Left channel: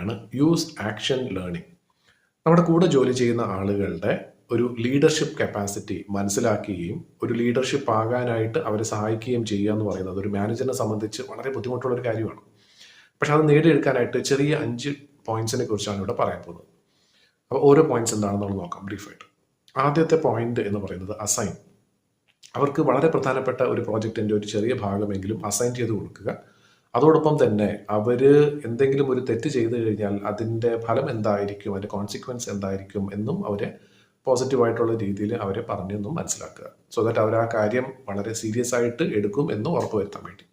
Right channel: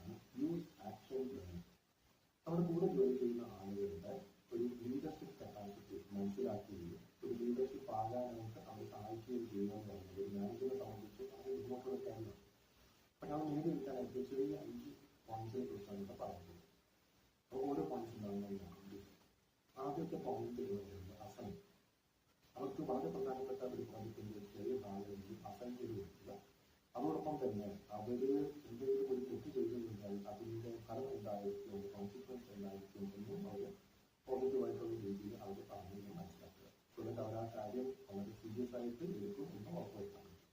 തന്നെയാണ് use action learning. നമ്മുടെ കൂടെ ജോലി ചെയ്യുന്ന ആളുകളുടെ ഒരു ലീഡർഷിപ്പ് കപ്പാസിറ്റി മനസ്സിലാക്കുകയും ഒരു ലീഡർഷിപ്പ് ആകാനായിട്ട് അവരെ സഹായിക്കുകയും ചെയ്യുക എന്ന് പറയുന്നത് ഒരു മാനേജറിനെ സംബന്ധിച്ച് വളരെ ബുദ്ധിമുട്ടുള്ള ഒരു കാര്യമാണ്. പക്ഷെ അത് നേടിയെടുക്കാനായിട്ട് ചെറിയ 5 പോയിന്റ്സിനെ കുറിച്ചാണ് ഇവിടെ പറയാൻ പോകുന്നത്. അപ്പോൾ ഓരോ പോയിന്റ്സ് എന്താണെന്ന് നോക്കാം ബ്രീഫായിട്ട്. ആദ്യത്തെ പോയിന്റ് എന്ന് പറയുന്നത് അസൈൻ. അവർക്ക് വളരെ പ്രധാനപ്പെട്ട ഒരു പ്രോജക്റ്റിൻ്റെ ഒരു ചെറിയ ഭാഗമെങ്കിലും അസൈൻ ചെയ്ത് കൊടുക്കുക. അതോടൊപ്പം തന്നെ അവർ എന്തെങ്കിലും ഒരു തെറ്റ് ചെയ്തു കഴിഞ്ഞാൽ അതിൻ്റെ ഫലം എന്തായിരിക്കും, അതിൻ്റെ കോൺസിക്വൻസ് എന്തായിരിക്കും എന്നും അവരെ പോസിറ്റീവായിട്ടുള്ള രീതിയിൽ അവരെ പറഞ്ഞെന്നും മനസ്സിലാക്കുക. സോ ദാറ്റ് അവർ ആ കാര്യം വളരെ സീരിയസ് ആയിട്ട് എടുക്കും എന്ന് ഉറപ്പുവരുത്താൻ വേണ്ടി.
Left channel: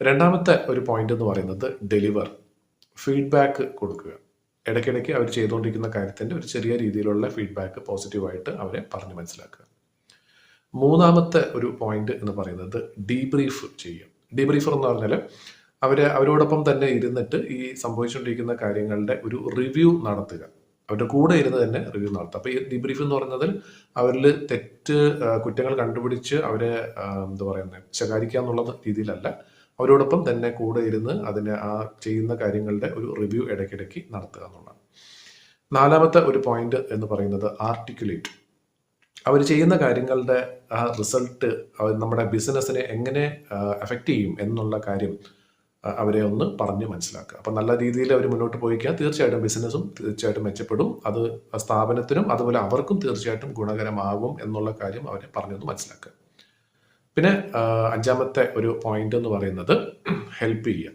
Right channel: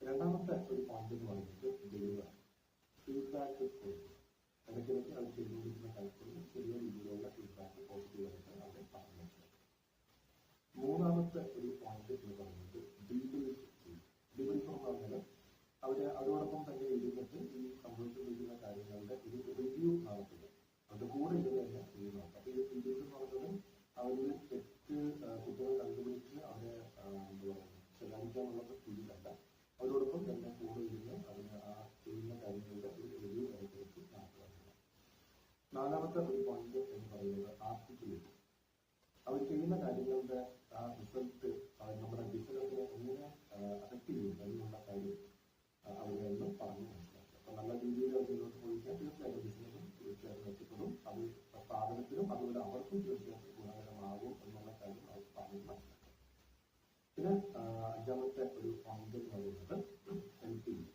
രണ്ടാമത്തെ ഒരു പോയിന്റ് എന്ന് പറയുന്നത് ഡെലിവർ, ഫീഡ്ബാക്ക് കൊടുക്കുക. ഇടയ്ക്കിടയ്ക്ക് അവർ ചെയ്തുകൊണ്ടിരിക്കുന്ന കാര്യത്തിൻ്റെ ഒരു ചെറിയ രീതിയിലുള്ള ഫീഡ്ബാക്ക് പോസിറ്റീവായിട്ട് അവരെ പറഞ്ഞ് മനസ്സിലാക്കുക. മൂന്നാമത്തെ ഒരു പോയിന്റ് എന്ന് പറയുന്നത് ഡീബ്രീഫ് ചെയ്യുക. ഡീബ്രീഫർ എന്ന് പറഞ്ഞാൽ അവരോടൊപ്പം തന്നെ ഇരുന്നിട്ട് ഈ സംഭവിച്ചുകൊണ്ടിരിക്കുന്ന കാര്യങ്ങളുടെ ഒരു റിവ്യൂ നടത്തുക. അവരുടെ കൂടെ ഇരുന്ന് തന്നെ റിവ്യൂ നടത്തുക. അപ്പോൾ ഈ ഡീബ്രീഫ് എന്ന് പറയുന്നതിൽ അവരിൽ കുറ്റങ്ങൾ കണ്ടുപിടിച്ച് അവരെ എന്താ പറയുന്നത് ശകാരിക്കുക എന്നുള്ള രീതിയിലല്ല, അവരോടൊപ്പം തന്നെ കൂടെ ഇരുന്ന് ആ ചെയ്യുന്ന കാര്യങ്ങളുടെ ഒരു റിവ്യൂ ഇടയ്ക്കിടയ്ക്ക് നടത്തുക എന്നുള്ളതാണ്. നാലാമത്തെ ഒരു പോയിന്റ് എന്ന് പറയുന്നത് ആർട്ടിക്കുലേറ്റ്. അവർ ചെയ്യുന്ന കാര്യങ്ങളുടെ ആ റിസൾട്ട് നമ്മുടെ ബിസിനസ്സിനെ എങ്ങനെ എഫക്റ്റ് ചെയ്യും എന്നുള്ള കാര്യം അവരെ ഒന്ന് പറഞ്ഞ് മനസ്സിലാക്കുക. അപ്പം നല്ല രീതിയിൽ അവർ മുന്നോട്ട് പോയിക്കാൻ തീർച്ചയായിട്ടും ബിസിനസ്സും തീർച്ചയായിട്ടും മെച്ചപ്പെടും. അത് സ്ഥാപനത്തിനും അതുപോലെ അവർക്കും തീർച്ചയായിട്ടും ഗുണകരമാകും എന്നുള്ള കാര്യം അവരെ പറഞ്ഞൊന്ന് മനസ്സിലാക്കുക. പിന്നെ അഞ്ചാമത്തെ ഒരു പോയിന്റ് എന്ന് പറയുന്നത് ഹെൽപ്പ് ചെയ്യുക.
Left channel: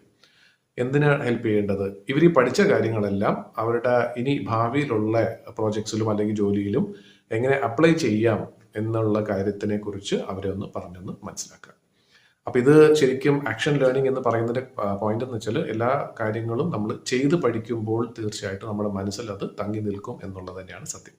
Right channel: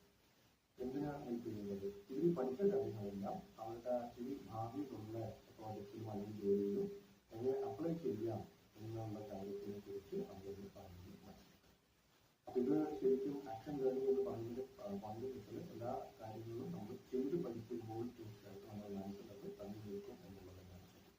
എന്തിനാണ് ഹെൽപ്പ് ചെയ്യേണ്ടത്? ഇവർ ഈ പഠിച്ച കാര്യങ്ങളെല്ലാം അവരുടെ ഇനി ഭാവിയിലുള്ള പ്രോജക്ട്സിലും അല്ലെങ്കിൽ ജോലിയിലും എങ്ങനെ അപ്ലൈ ചെയ്യാം എന്നുള്ള കാര്യത്തിനെ കുറിച്ച് അവരെ ഒന്ന് പറഞ്ഞൊന്ന് മനസ്സിലാക്കുക. അപ്പം ഇത് ശരിക്കും ആക്ഷൻ ലേണിംഗ് എന്ന് പറയുന്നതിൻ്റെ പോയിന്റ് എന്ന് വെച്ചാൽ എല്ലാ കാര്യങ്ങളും നമ്മൾ ചെയ്ത് പഠിക്കുമ്പോൾ തീർച്ചയായിട്ടും നമ്മുടെ മനസ്സിൽ അത് തങ്ങി നിൽക്കും എന്നുള്ളത് തന്നെയാണ് സത്യം.